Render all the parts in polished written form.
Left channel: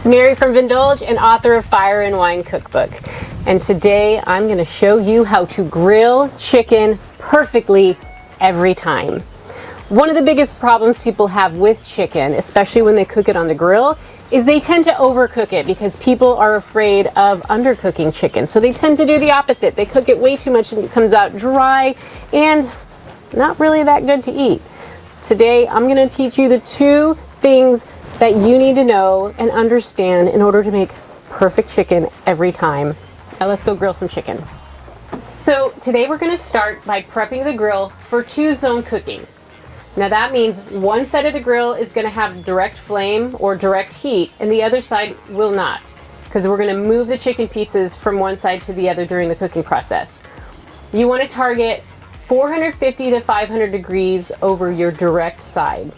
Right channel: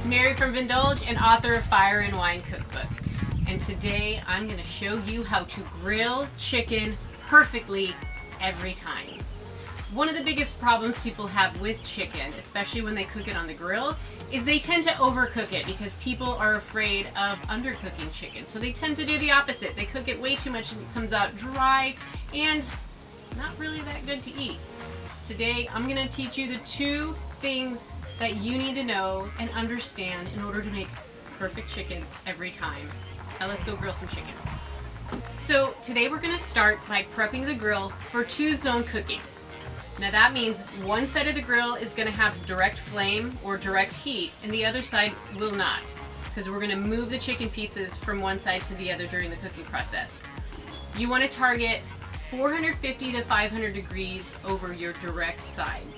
It's Mary from Vindulge and author of Fire and Wine Cookbook. And today I'm going to show you how to grill chicken perfectly every time. One of the biggest problems people have with chicken, especially when they cook it on the grill, is they tend to overcook it because people are afraid of undercooking chicken. So they tend to do the opposite. They cook it way too much and it comes out dry and not really that good to eat. Today I'm going to teach you the two things that you need to know and understand in order to make perfect chicken every time. Now let's go grill some chicken. So today we're going to start by prepping the grill for two-zone cooking. Now that means one side of the grill is going to have direct flame or direct heat and the other side will not, because we're going to move the chicken pieces from one side to the other during the cooking process. You want to target 450 to 500 degrees over your direct side.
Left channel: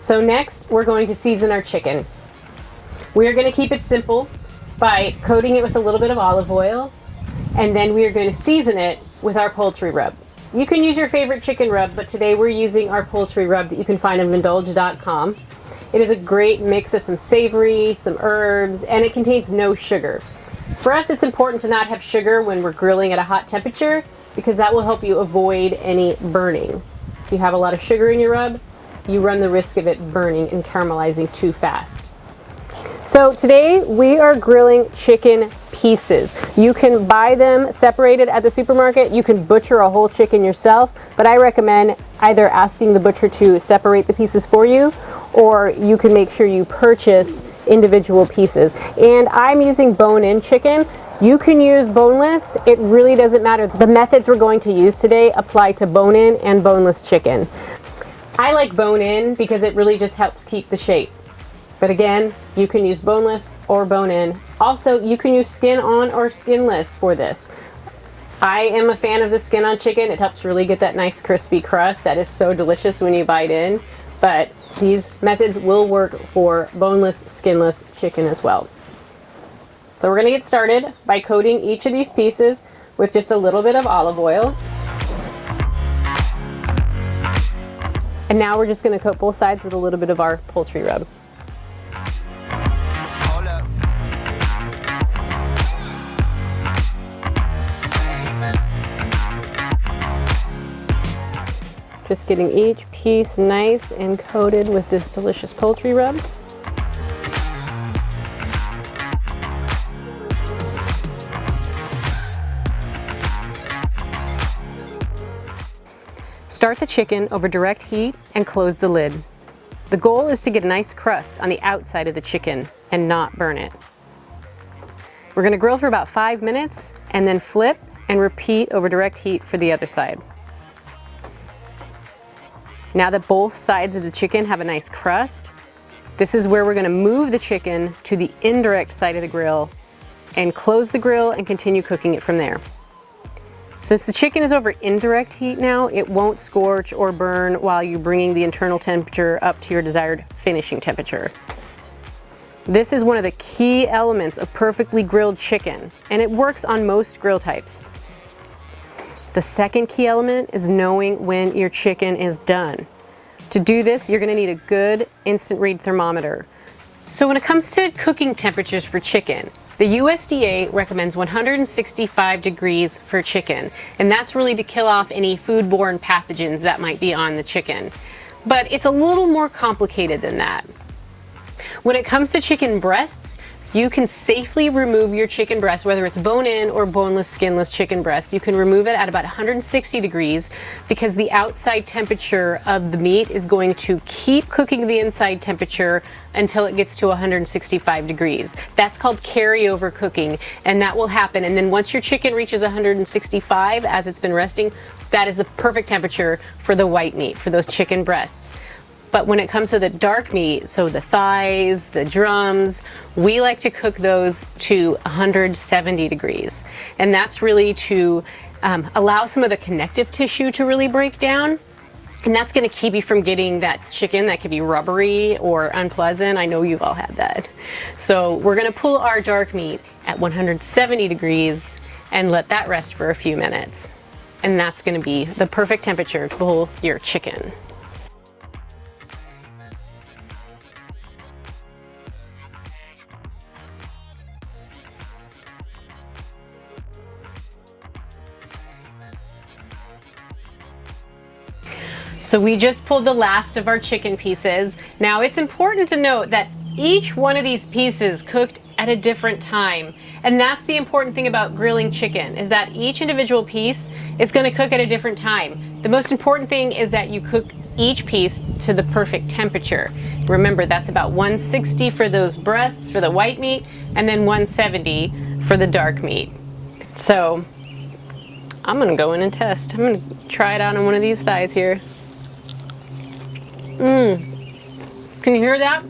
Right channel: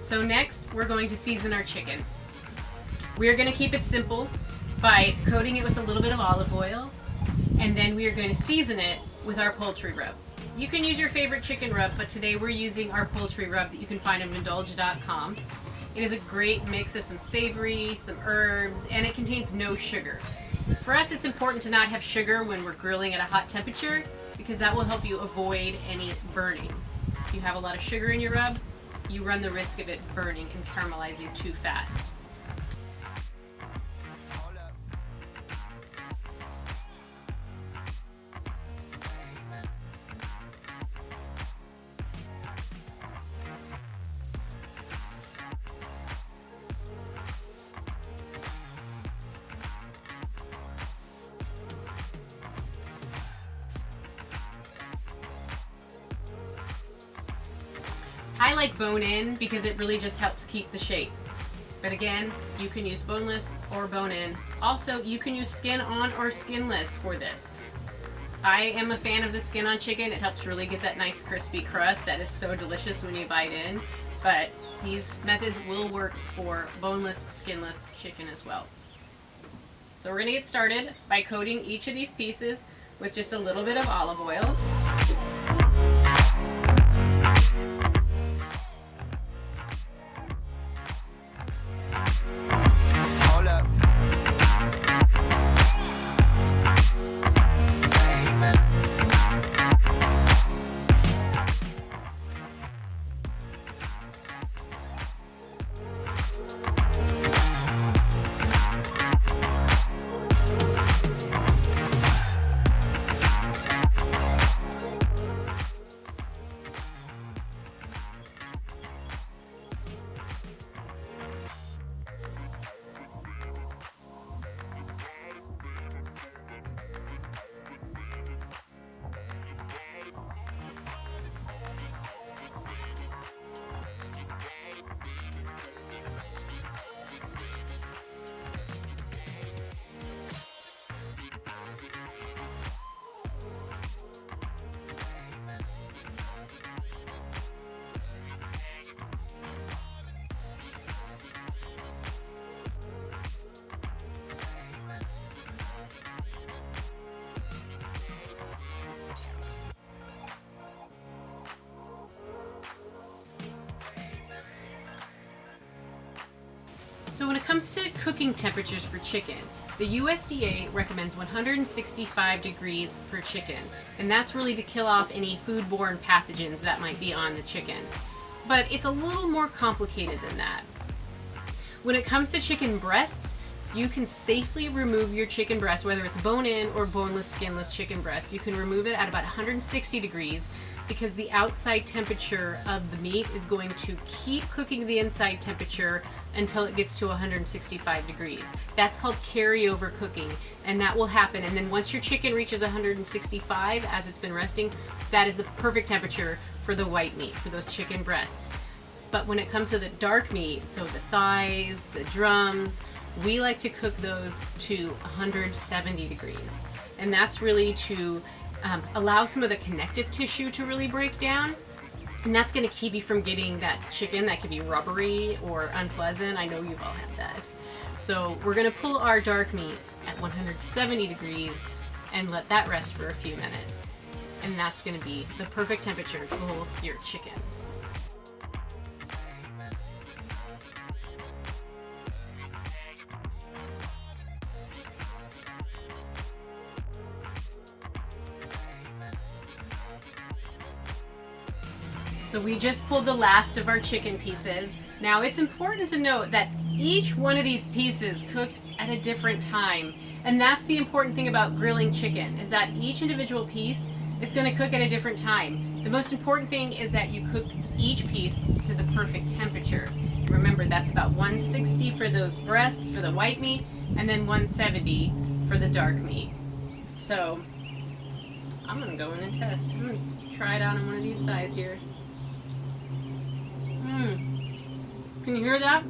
So next, we're going to season our chicken. We're going to keep it simple by coating it with a little bit of olive oil, and then we are going to season it with our poultry rub. You can use your favorite chicken rub, but today we're using our poultry rub that you can find on Vindulge.com. It is a great mix of some savory, some herbs, and it contains no sugar. For us, it's important to not have sugar when we're grilling at a hot temperature because that will help you avoid any burning. If you have a lot of sugar in your rub, you run the risk of it burning and caramelizing too fast. So today we are grilling chicken pieces. You can buy them separated at the supermarket. You can butcher a whole chicken yourself, but I recommend either asking the butcher to separate the pieces for you, or you can make sure you purchase individual pieces. And I'm using bone-in chicken. You can use boneless. It really doesn't matter. The methods we're going to use today apply to bone-in and boneless chicken. I like bone-in because it really just helps keep the shape. But again, you can use boneless or bone-in. Also, you can use skin-on or skinless for this. I am a fan of the skin-on chicken. It helps really get that nice crispy crust that is so delicious when you bite in. But these methods will work for boneless, skinless chicken as well. So we're going to get started by coating each of these pieces with just a little bit of olive oil. And now we're just going to coat both sides with a little bit of our poultry rub. Just getting each piece nice and coated with this delicious poultry rub. Start the chicken over direct heat and close the lid. The goal is to get a nice crust on the outside of the chicken and not burn it. We're going to grill for about 5 minutes and then flip and repeat over direct heat for the other side. Now that both sides of the chicken have a nice crust, this is where we're going to move the chicken to the indirect side of the grill and close the grill and continue cooking it from there. Since the chicken is over indirect heat now, it won't scorch or burn while you're bringing the internal temperature up to your desired finishing temperature. This is one of the key elements of perfectly grilled chicken, and it works on most grill types. The second key element is knowing when your chicken is done. To do this, you're going to need a good instant read thermometer. So when it comes to cooking temperatures for chicken, the USDA recommends 165 degrees for chicken, and that's really to kill off any foodborne pathogens that might be on the chicken. But it's a little more complicated than that. When it comes to chicken breasts, you can safely remove your chicken breast, whether it's bone-in or boneless, skinless chicken breast. You can remove it at about 160 degrees because the outside temperature of the meat is going to keep cooking the inside temperature until it gets to 165 degrees. That's called carryover cooking, and that will happen. And then once your chicken reaches 165 as it's been resting, that is the perfect temperature for the white meat, for those chicken breasts. But when it comes to the dark meat, so the thighs, the drums, we like to cook those to 170 degrees. And that's really to allow some of the connective tissue to really break down. And that's going to keep you from getting that chicken that could be rubbery or unpleasant. I know you've all had that. So we're going to pull our dark meat at 170 degrees and let that rest for a few minutes. And that's going to be the perfect temperature to pull your chicken. So we just pulled the last of our chicken pieces. Now it's important to note that each one of these pieces cooked at a different time. And that's the important thing about grilling chicken, is that each individual piece is going to cook at a different time. The most important thing is that you cook each piece to the perfect temperature. Remember, that's about 160 for those breasts, for the white meat, and then 170 for the dark meat. So I'm going to go in and test. I'm going to try it on one of these thighs here. Can you hear that?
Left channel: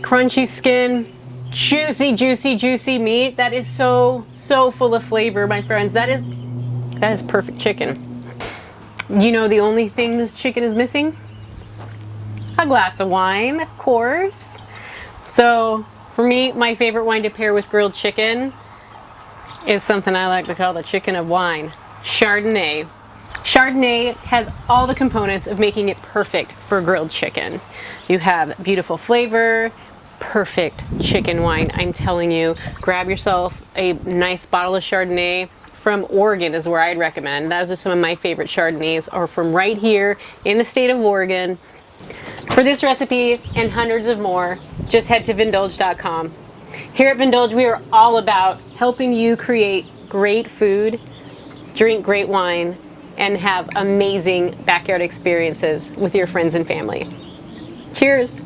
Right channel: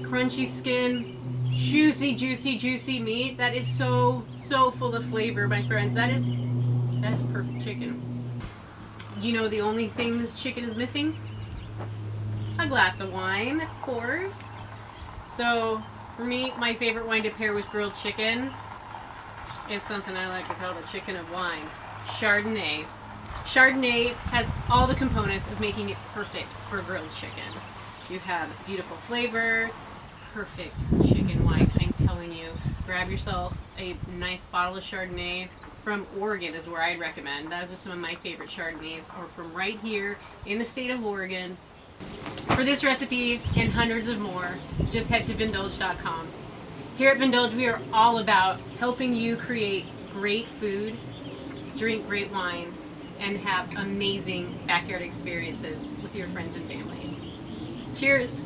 Crunchy skin, juicy, juicy, juicy meat. That is so full of flavor, my friends. That is perfect chicken. You know the only thing this chicken is missing? A glass of wine, of course. So for me, my favorite wine to pair with grilled chicken is something I like to call the chicken of wine, Chardonnay. Chardonnay has all the components of making it perfect for grilled chicken. You have beautiful flavor, perfect chicken wine. I'm telling you, grab yourself a nice bottle of Chardonnay. From Oregon is where I'd recommend. Those are some of my favorite Chardonnays, are from right here in the state of Oregon. For this recipe and hundreds of more, just head to Vindulge.com. Here at Vindulge, we are all about helping you create great food, drink great wine, and have amazing backyard experiences with your friends and family. Cheers.